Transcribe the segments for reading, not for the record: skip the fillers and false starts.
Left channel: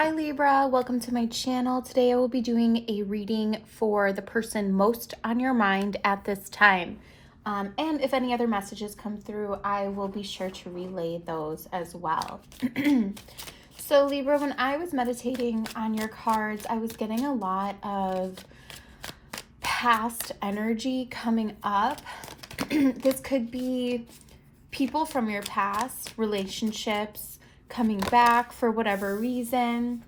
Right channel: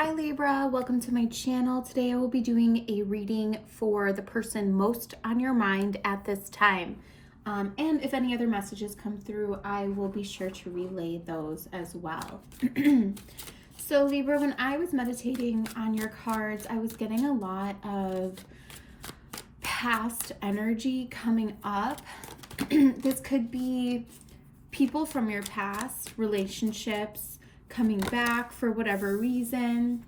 Hi Libra, welcome to my channel. Today I will be doing a reading for the person most on your mind at this time. And if any other messages come through, I will be sure to relay those as well. So Libra, when I was meditating on your cards, I was getting a lot of past energy coming up. This could be people from your past, relationships, coming back for whatever reason.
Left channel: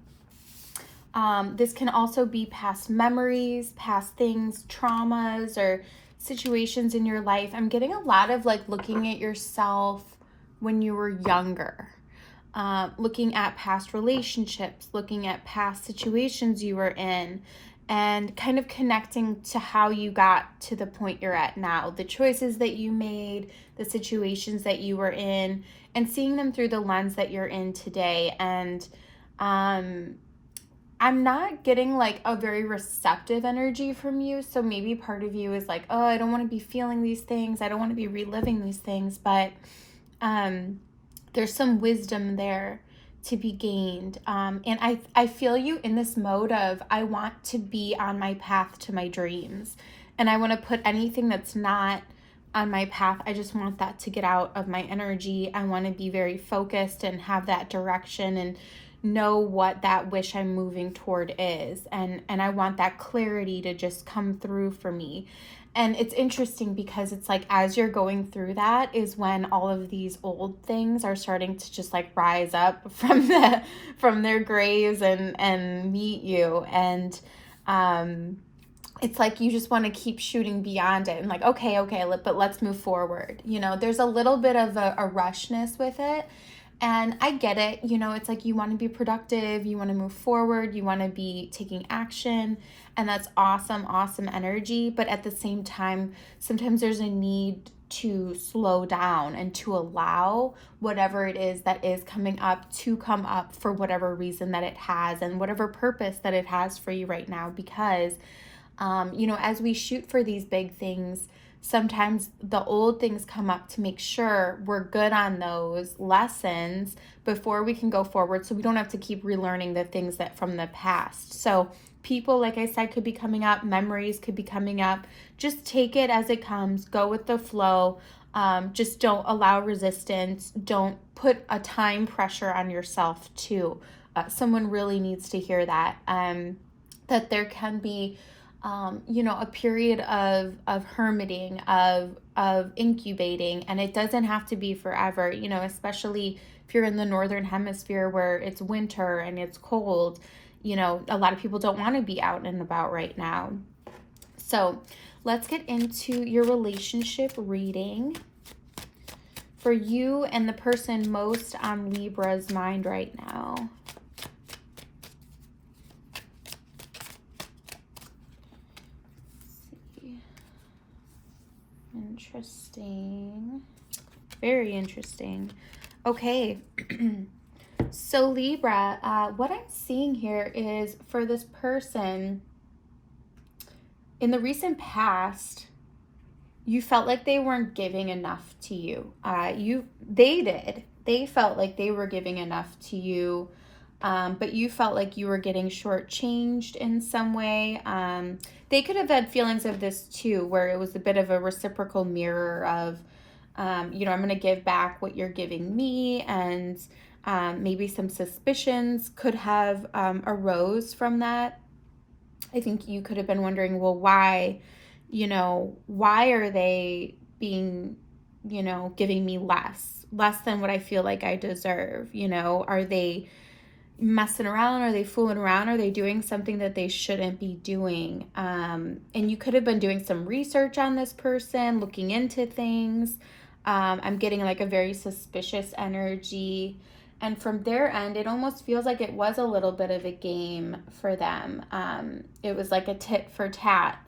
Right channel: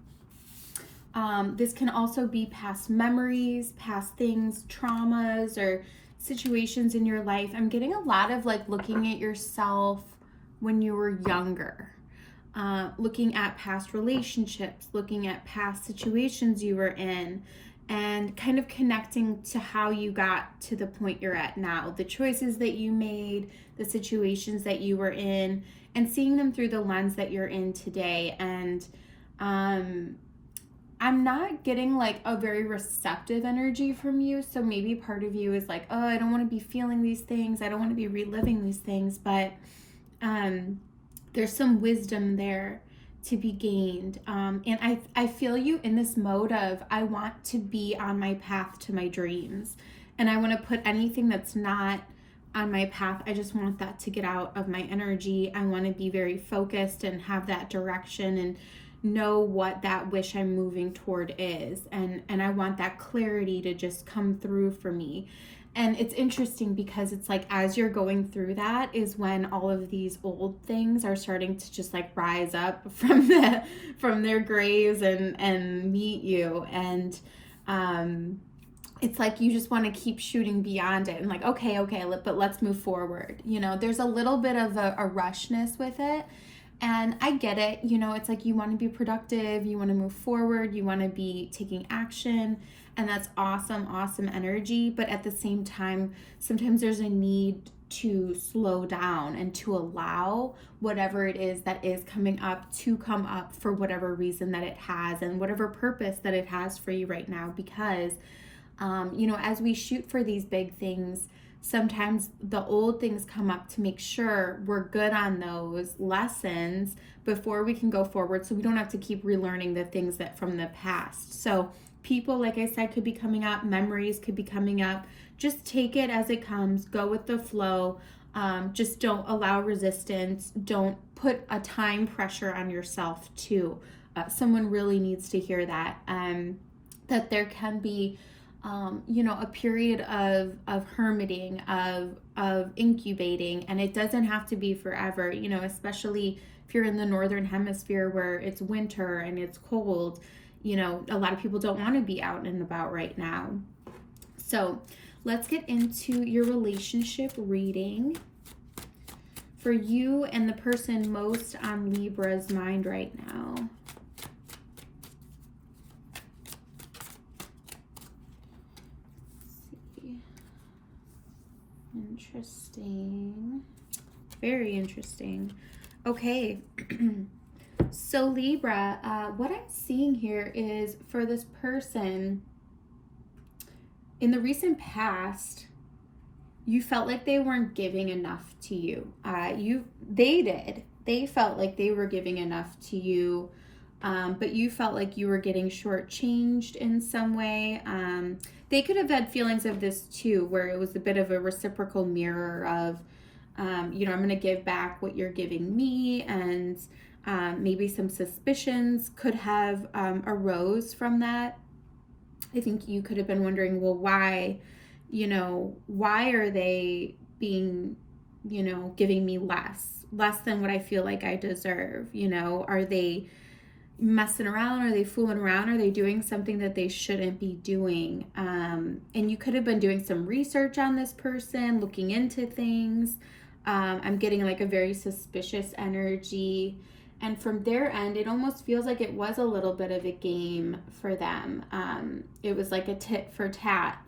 This can also be past memories, past things, traumas, or situations in your life. I'm getting a lot of like looking at yourself when you were younger, looking at past relationships, looking at past situations you were in, and kind of connecting to how you got to the point you're at now, the choices that you made, the situations that you were in, and seeing them through the lens that you're in today. And I'm not getting like a very receptive energy from you. So maybe part of you is like, oh, I don't want to be feeling these things. I don't want to be reliving these things. But there's some wisdom there to be gained. And I feel you in this mode of I want to be on my path to my dreams. And I want to put anything that's not on my path, I just want that to get out of my energy. I want to be very focused and have that direction and know what that wish I'm moving toward is. And I want that clarity to just come through for me. And it's interesting because it's like as you're going through that is when all of these old things are starting to just like rise up from their graves and meet you. And it's like you just want to keep shooting beyond it and like, okay, but let's move forward. You know, there's a little bit of a rushness with it. And I get it. You know, it's like you want to be productive, you want to move forward, you want to be taking action. And that's awesome, awesome energy. But at the same time, sometimes there's a need to slow down and to allow whatever it is that is coming up to come up for whatever reason that it has and whatever purpose that it has for you right now. Because you know, as we shoot for these big things, sometimes the old things come up to make sure we're good on those lessons before we can go forward, so we don't have to keep relearning the things that from the past. So people, like I said, could be coming up, memories could be coming up. Just take it as it comes, go with the flow. Just don't allow resistance. Don't put a time pressure on yourself too. Someone really needs to hear that, that there can be you know, a period of hermiting, of incubating, and it doesn't have to be forever, you know, especially if you're in the northern hemisphere where it's winter and it's cold. You know, a lot of people don't want to be out and about right now. So let's get into your relationship reading for you and the person most on Libra's mind right now. Interesting. Very interesting. Okay. So Libra, what I'm seeing here is for this person, in the recent past, you felt like they weren't giving enough to you. They did. They felt like they were giving enough to you, but you felt like you were getting shortchanged in some way. They could have had feelings of this too, where it was a bit of a reciprocal mirror of, you know, I'm going to give back what you're giving me, and maybe some suspicions could have arose from that. I think you could have been wondering, well, why, you know, why are they being, you know, giving me less than what I feel like I deserve? You know, are they messing around? Are they fooling around? Are they doing something that they shouldn't be doing? And you could have been doing some research on this person, looking into things. I'm getting like a very suspicious energy. And from their end, it almost feels like it was a little bit of a game for them. It was like a tit for tat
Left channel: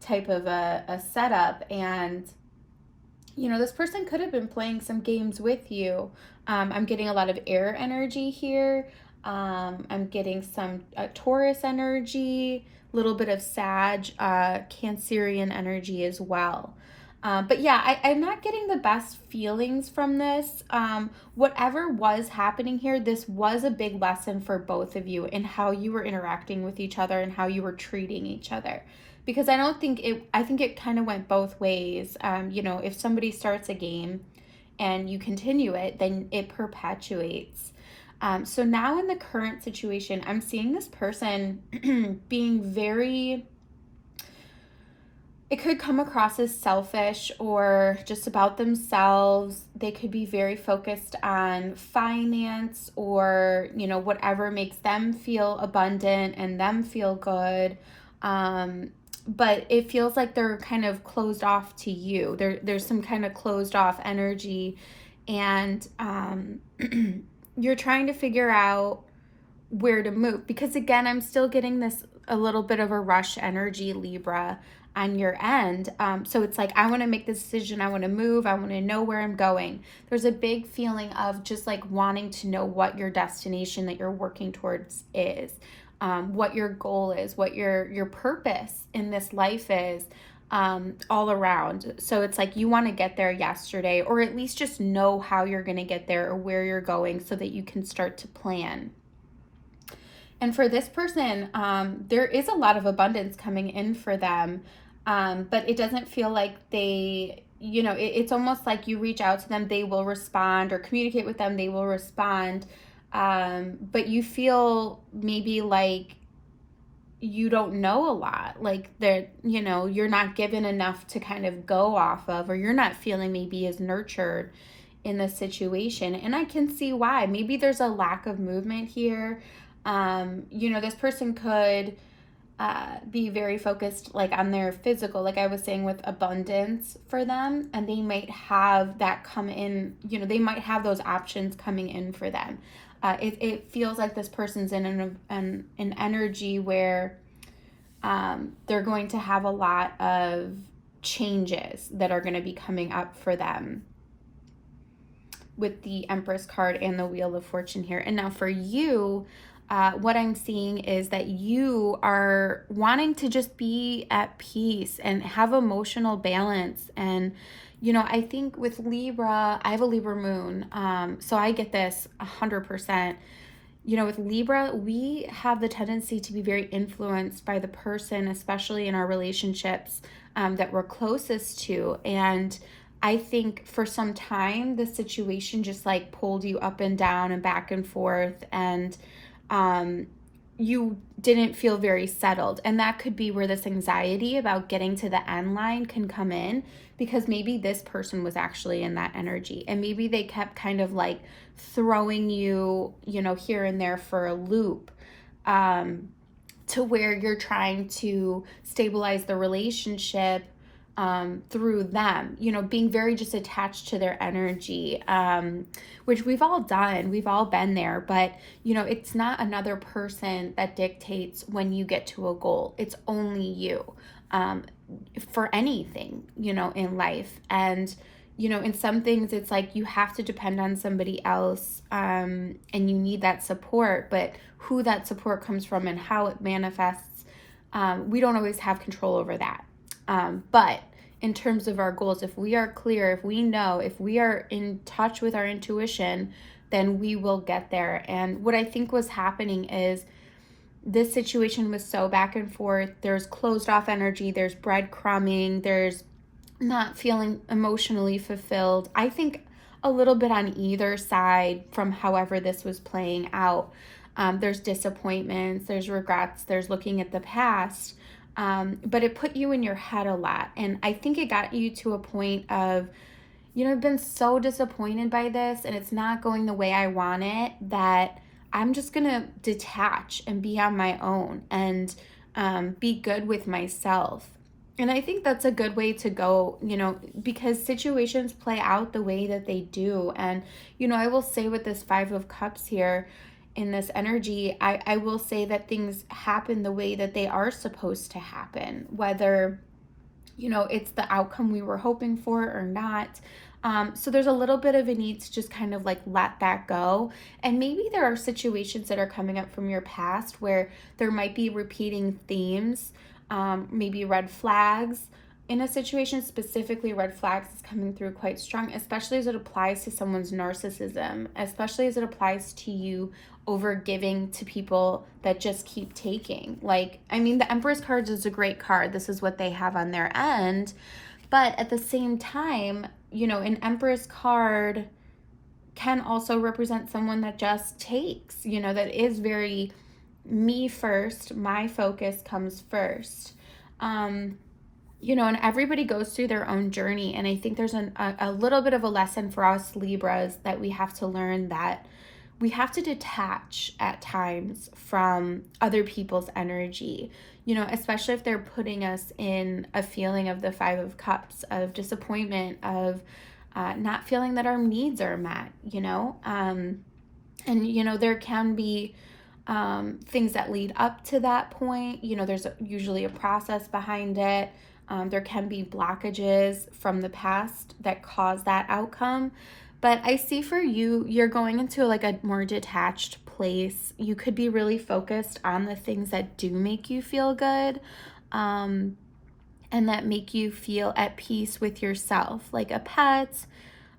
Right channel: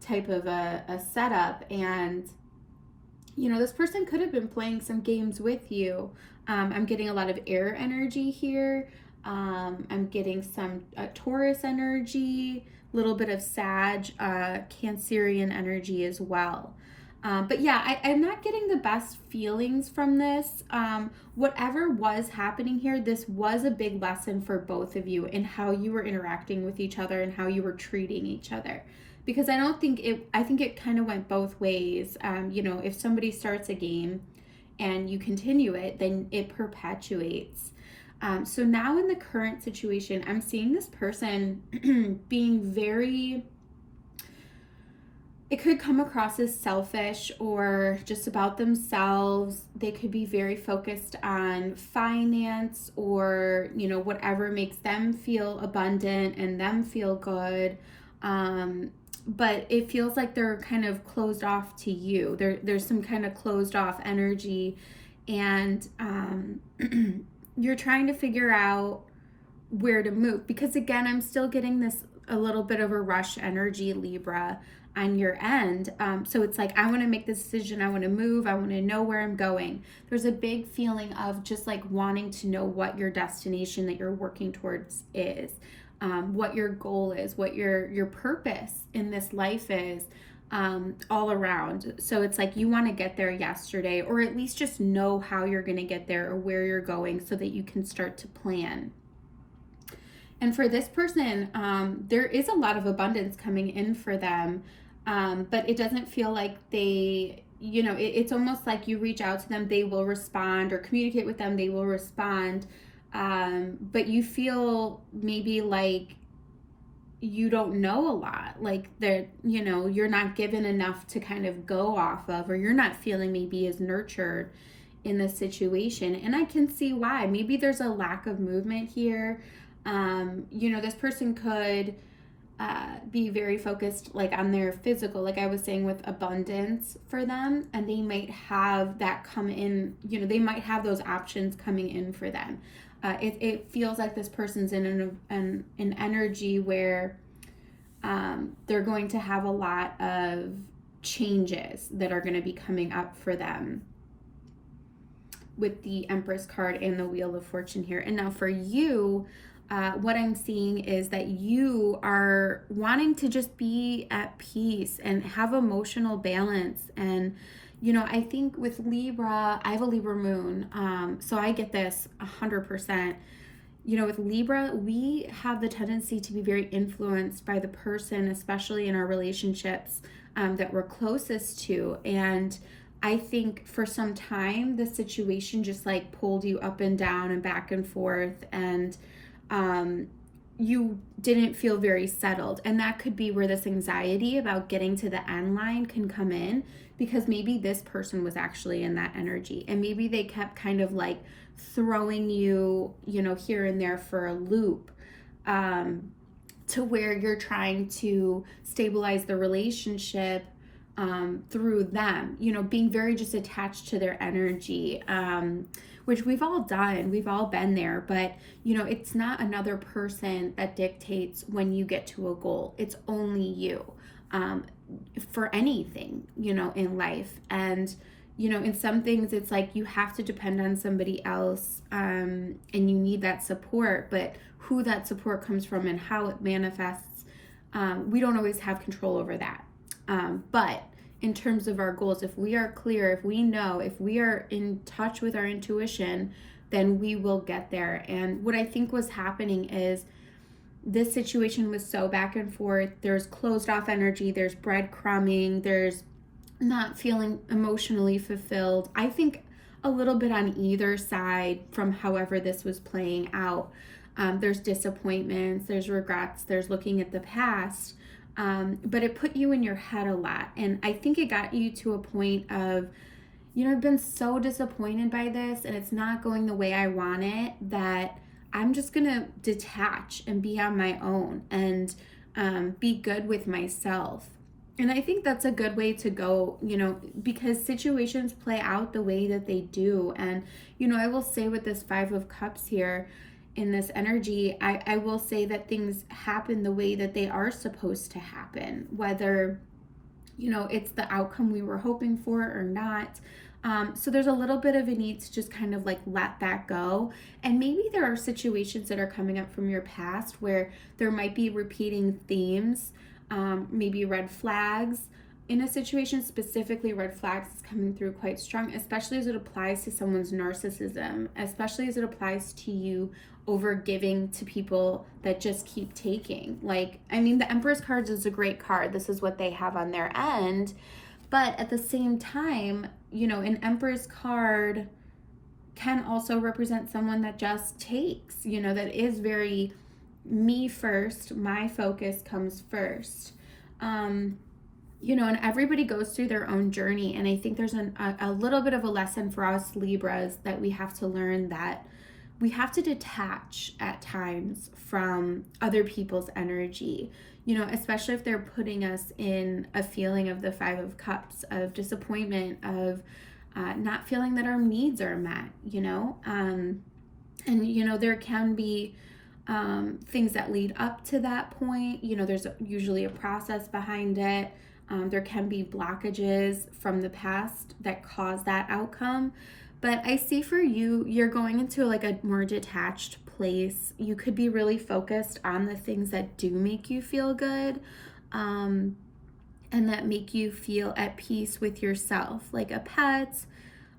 type of a setup. And, you know, this person could have been playing some games with you. I'm getting a lot of air energy here. I'm getting some Taurus energy, a little bit of Sag, Cancerian energy as well. But yeah, I'm not getting the best feelings from this. Whatever was happening here, this was a big lesson for both of you in how you were interacting with each other and how you were treating each other. Because I think it kind of went both ways. If somebody starts a game and you continue it, then it perpetuates. So now in the current situation, I'm seeing this person being very, it could come across as selfish or just about themselves. They could be very focused on finance or, whatever makes them feel abundant and them feel good. But it feels like they're kind of closed off to you. There's some kind of closed off energy, and you're trying to figure out where to move. Because again, I'm still getting this a little bit of a rush energy, Libra, on your end. So it's like, I want to make this decision. I want to move. I want to know where I'm going. There's a big feeling of just like wanting to know what your destination that you're working towards is, what your goal is, what your purpose in this life is, all around. So it's like you want to get there yesterday, or at least just know how you're going to get there or where you're going so that you can start to plan. And for this person, there is a lot of abundance coming in for them, but it doesn't feel like it's almost like you reach out to them, they will respond, or communicate with them, they will respond. But you feel maybe like you don't know a lot, like you're not given enough to kind of go off of, or you're not feeling maybe as nurtured in the situation. And I can see why. Maybe there's a lack of movement here. This person could be very focused like on their physical, like I was saying, with abundance for them, and they might have that come in, they might have those options coming in for them. It feels like this person's in an energy where they're going to have a lot of changes that are going to be coming up for them with the Empress card and the Wheel of Fortune here. And now for you, what I'm seeing is that you are wanting to just be at peace and have emotional balance. And, I think with Libra, I have a Libra moon, so I get this 100%. With Libra, we have the tendency to be very influenced by the person, especially in our relationships that we're closest to. And I think for some time, the situation just like pulled you up and down and back and forth, and you didn't feel very settled. And that could be where this anxiety about getting to the end line can come in, because maybe this person was actually in that energy, and maybe they kept kind of like throwing you, here and there for a loop, to where you're trying to stabilize the relationship through them, being very just attached to their energy, which we've all done, we've all been there. But, it's not another person that dictates when you get to a goal. It's only you, for anything, in life. And, in some things, it's like you have to depend on somebody else, and you need that support. But who that support comes from and how it manifests, we don't always have control over that. But in terms of our goals, if we are clear, if we know, if we are in touch with our intuition, then we will get there. And what I think was happening is this situation was so back and forth. There's closed off energy, there's breadcrumbing, there's not feeling emotionally fulfilled. I think a little bit on either side from however this was playing out. There's disappointments, there's regrets, there's looking at the past. But it put you in your head a lot. And I think it got you to a point of, I've been so disappointed by this and it's not going the way I want it, that I'm just going to detach and be on my own and be good with myself. And I think that's a good way to go, because situations play out the way that they do. And, I will say with this Five of Cups here, in this energy, I will say that things happen the way that they are supposed to happen, whether, it's the outcome we were hoping for or not. So there's a little bit of a need to just kind of like let that go. And maybe there are situations that are coming up from your past where there might be repeating themes, maybe red flags in a situation specifically, red flags is coming through quite strong, especially as it applies to someone's narcissism, especially as it applies to you over giving to people that just keep taking. Like, I mean, the Empress cards is a great card. This is what they have on their end. But at the same time, you know, an Empress card can also represent someone that just takes, you know, that is very me first, my focus comes first. You know, and everybody goes through their own journey. And I think there's a little bit of a lesson for us Libras that we have to learn, that we have to detach at times from other people's energy, you know, especially if they're putting us in a feeling of the Five of Cups, of disappointment, of not feeling that our needs are met, you know. And, you know, there can be things that lead up to that point. You know, there's usually a process behind it. There can be blockages from the past that cause that outcome. But I see for you, you're going into like a more detached place. You could be really focused on the things that do make you feel good, and that make you feel at peace with yourself, like a pet,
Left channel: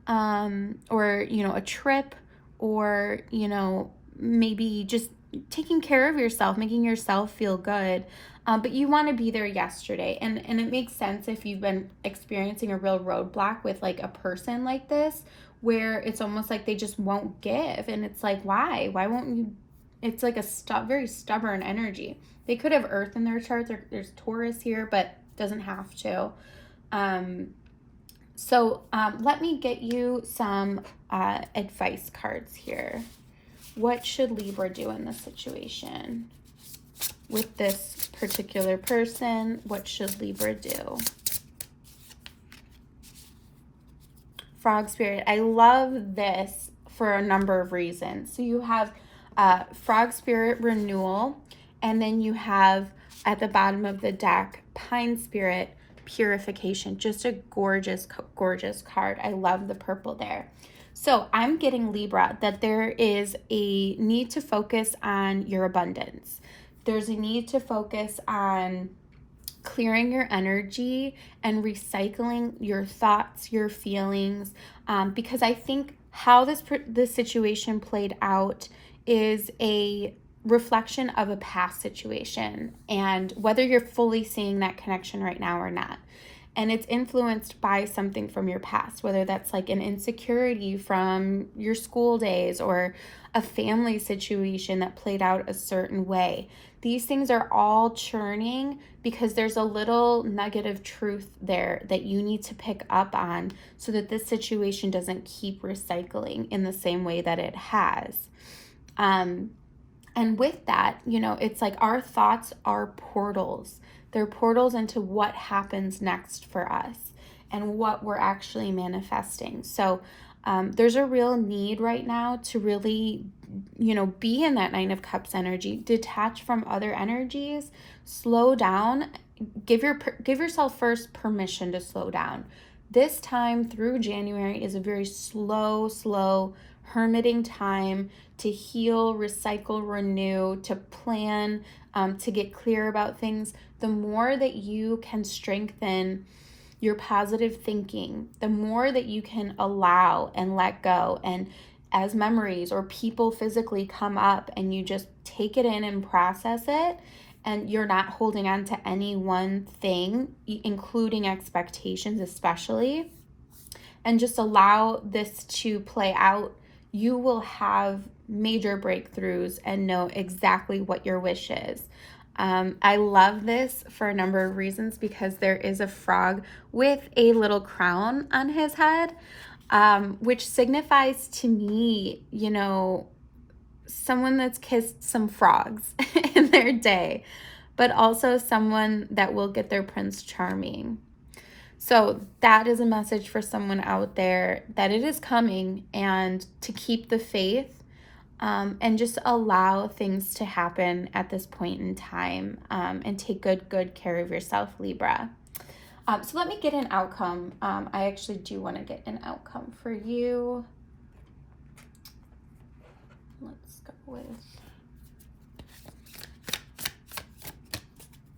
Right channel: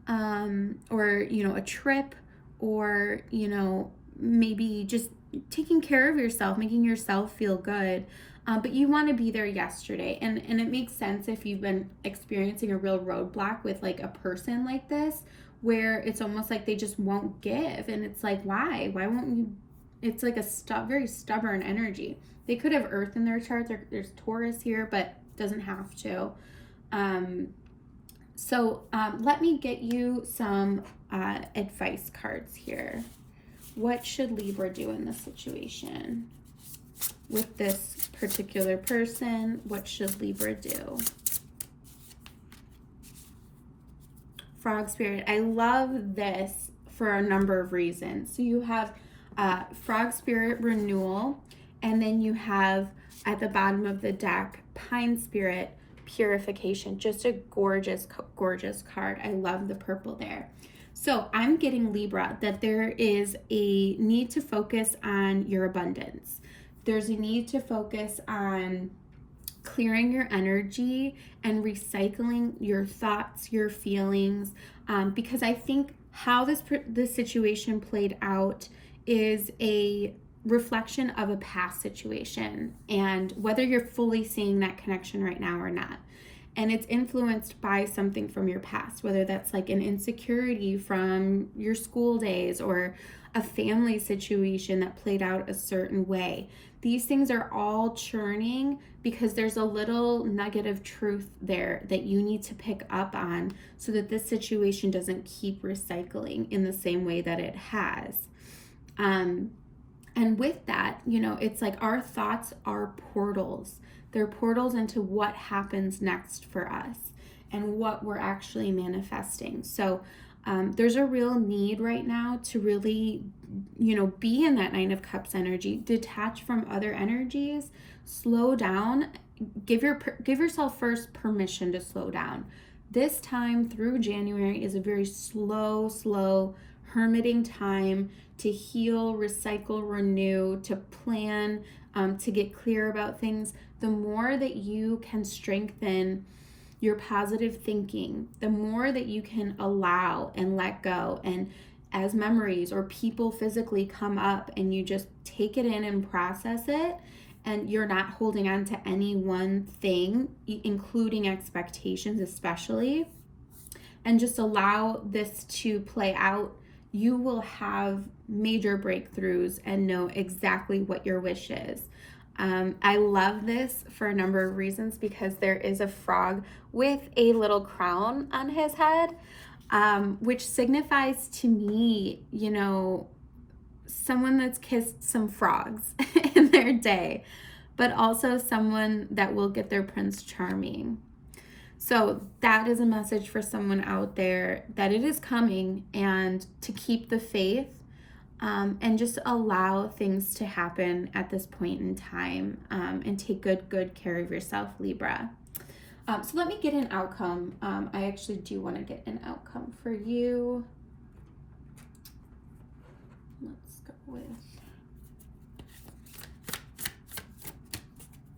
or, you know, a trip, or, you know, maybe just taking care of yourself, making yourself feel good. But you want to be there yesterday. And it makes sense if you've been experiencing a real roadblock with like a person like this, where it's almost like they just won't give. And it's like, why won't you? It's like a very stubborn energy. They could have Earth in their chart. There's Taurus here, but doesn't have to. So let me get you some advice cards here. What should Libra do in this situation? With this particular person, what should Libra do? Frog Spirit. I love this for a number of reasons. So you have Frog Spirit Renewal, and then you have at the bottom of the deck, Pine Spirit Purification. Just a gorgeous, gorgeous card. I love the purple there. So I'm getting, Libra, that there is a need to focus on your abundance. There's a need to focus on clearing your energy and recycling your thoughts, your feelings, because I think how this situation played out is a reflection of a past situation, and whether you're fully seeing that connection right now or not. And it's influenced by something from your past, whether that's like an insecurity from your school days or a family situation that played out a certain way. These things are all churning because there's a little nugget of truth there that you need to pick up on so that this situation doesn't keep recycling in the same way that it has. And with that, you know, it's like our thoughts are portals. They're portals into what happens next for us and what we're actually manifesting. So there's a real need right now to really, you know, be in that Nine of Cups energy, detach from other energies, slow down, give yourself first permission to slow down. This time through January is a very slow hermiting time to heal, recycle, renew, to plan, to get clear about things. The more that you can strengthen your positive thinking, the more that you can allow and let go. And as memories or people physically come up and you just take it in and process it, and you're not holding on to any one thing, including expectations especially, and just allow this to play out, you will have major breakthroughs and know exactly what your wish is. I love this for a number of reasons, because there is a frog with a little crown on his head, which signifies to me, you know, someone that's kissed some frogs in their day, but also someone that will get their Prince Charming. So that is a message for someone out there, that it is coming, and to keep the faith, and just allow things to happen at this point in time, and take good care of yourself, Libra. So let me get an outcome. I actually do want to get an outcome for you. Let's go with,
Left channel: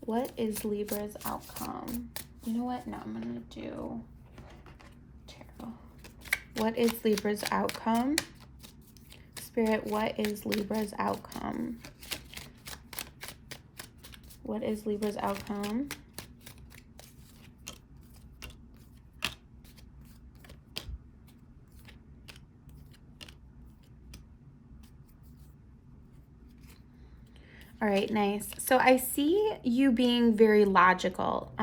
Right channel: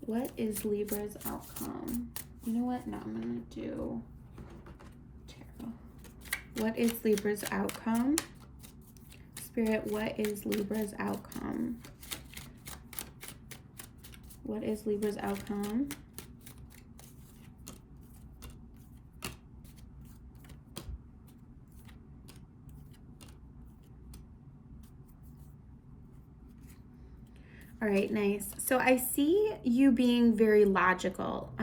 what is Libra's outcome? You know what? No, I'm going to do tarot. What is Libra's outcome? Spirit, what is Libra's outcome? What is Libra's outcome? All right, nice. So I see you being very logical.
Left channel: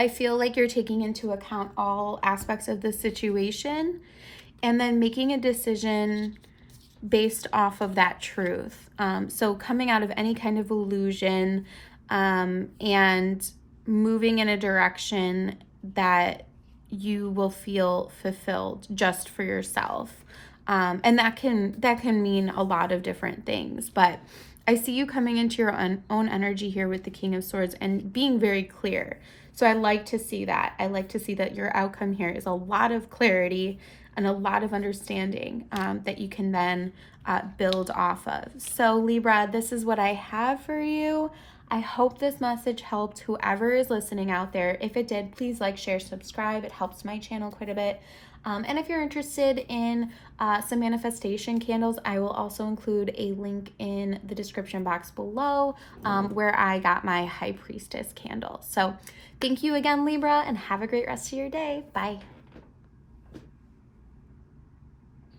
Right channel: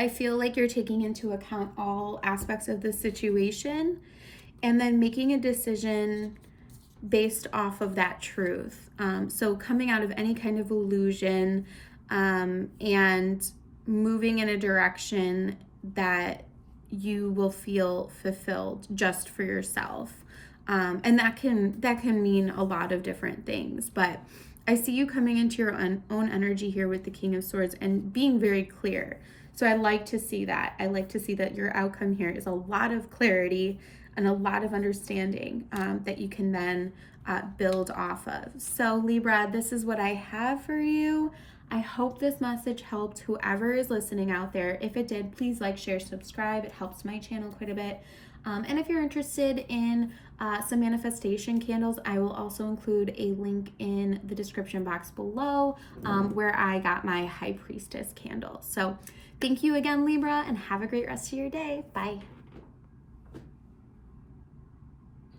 I feel like you're taking into account all aspects of the situation and then making a decision based off of that truth. So coming out of any kind of illusion and moving in a direction that you will feel fulfilled just for yourself. And that can mean a lot of different things, but I see you coming into your own energy here with the King of Swords and being very clear. So I like to see that. I like to see that your outcome here is a lot of clarity and a lot of understanding that you can then build off of. So Libra, this is what I have for you. I hope this message helped whoever is listening out there. If it did, please like, share, subscribe. It helps my channel quite a bit. And if you're interested in some manifestation candles, I will also include a link in the description box below where I got my High Priestess candle. So thank you again, Libra, and have a great rest of your day. Bye.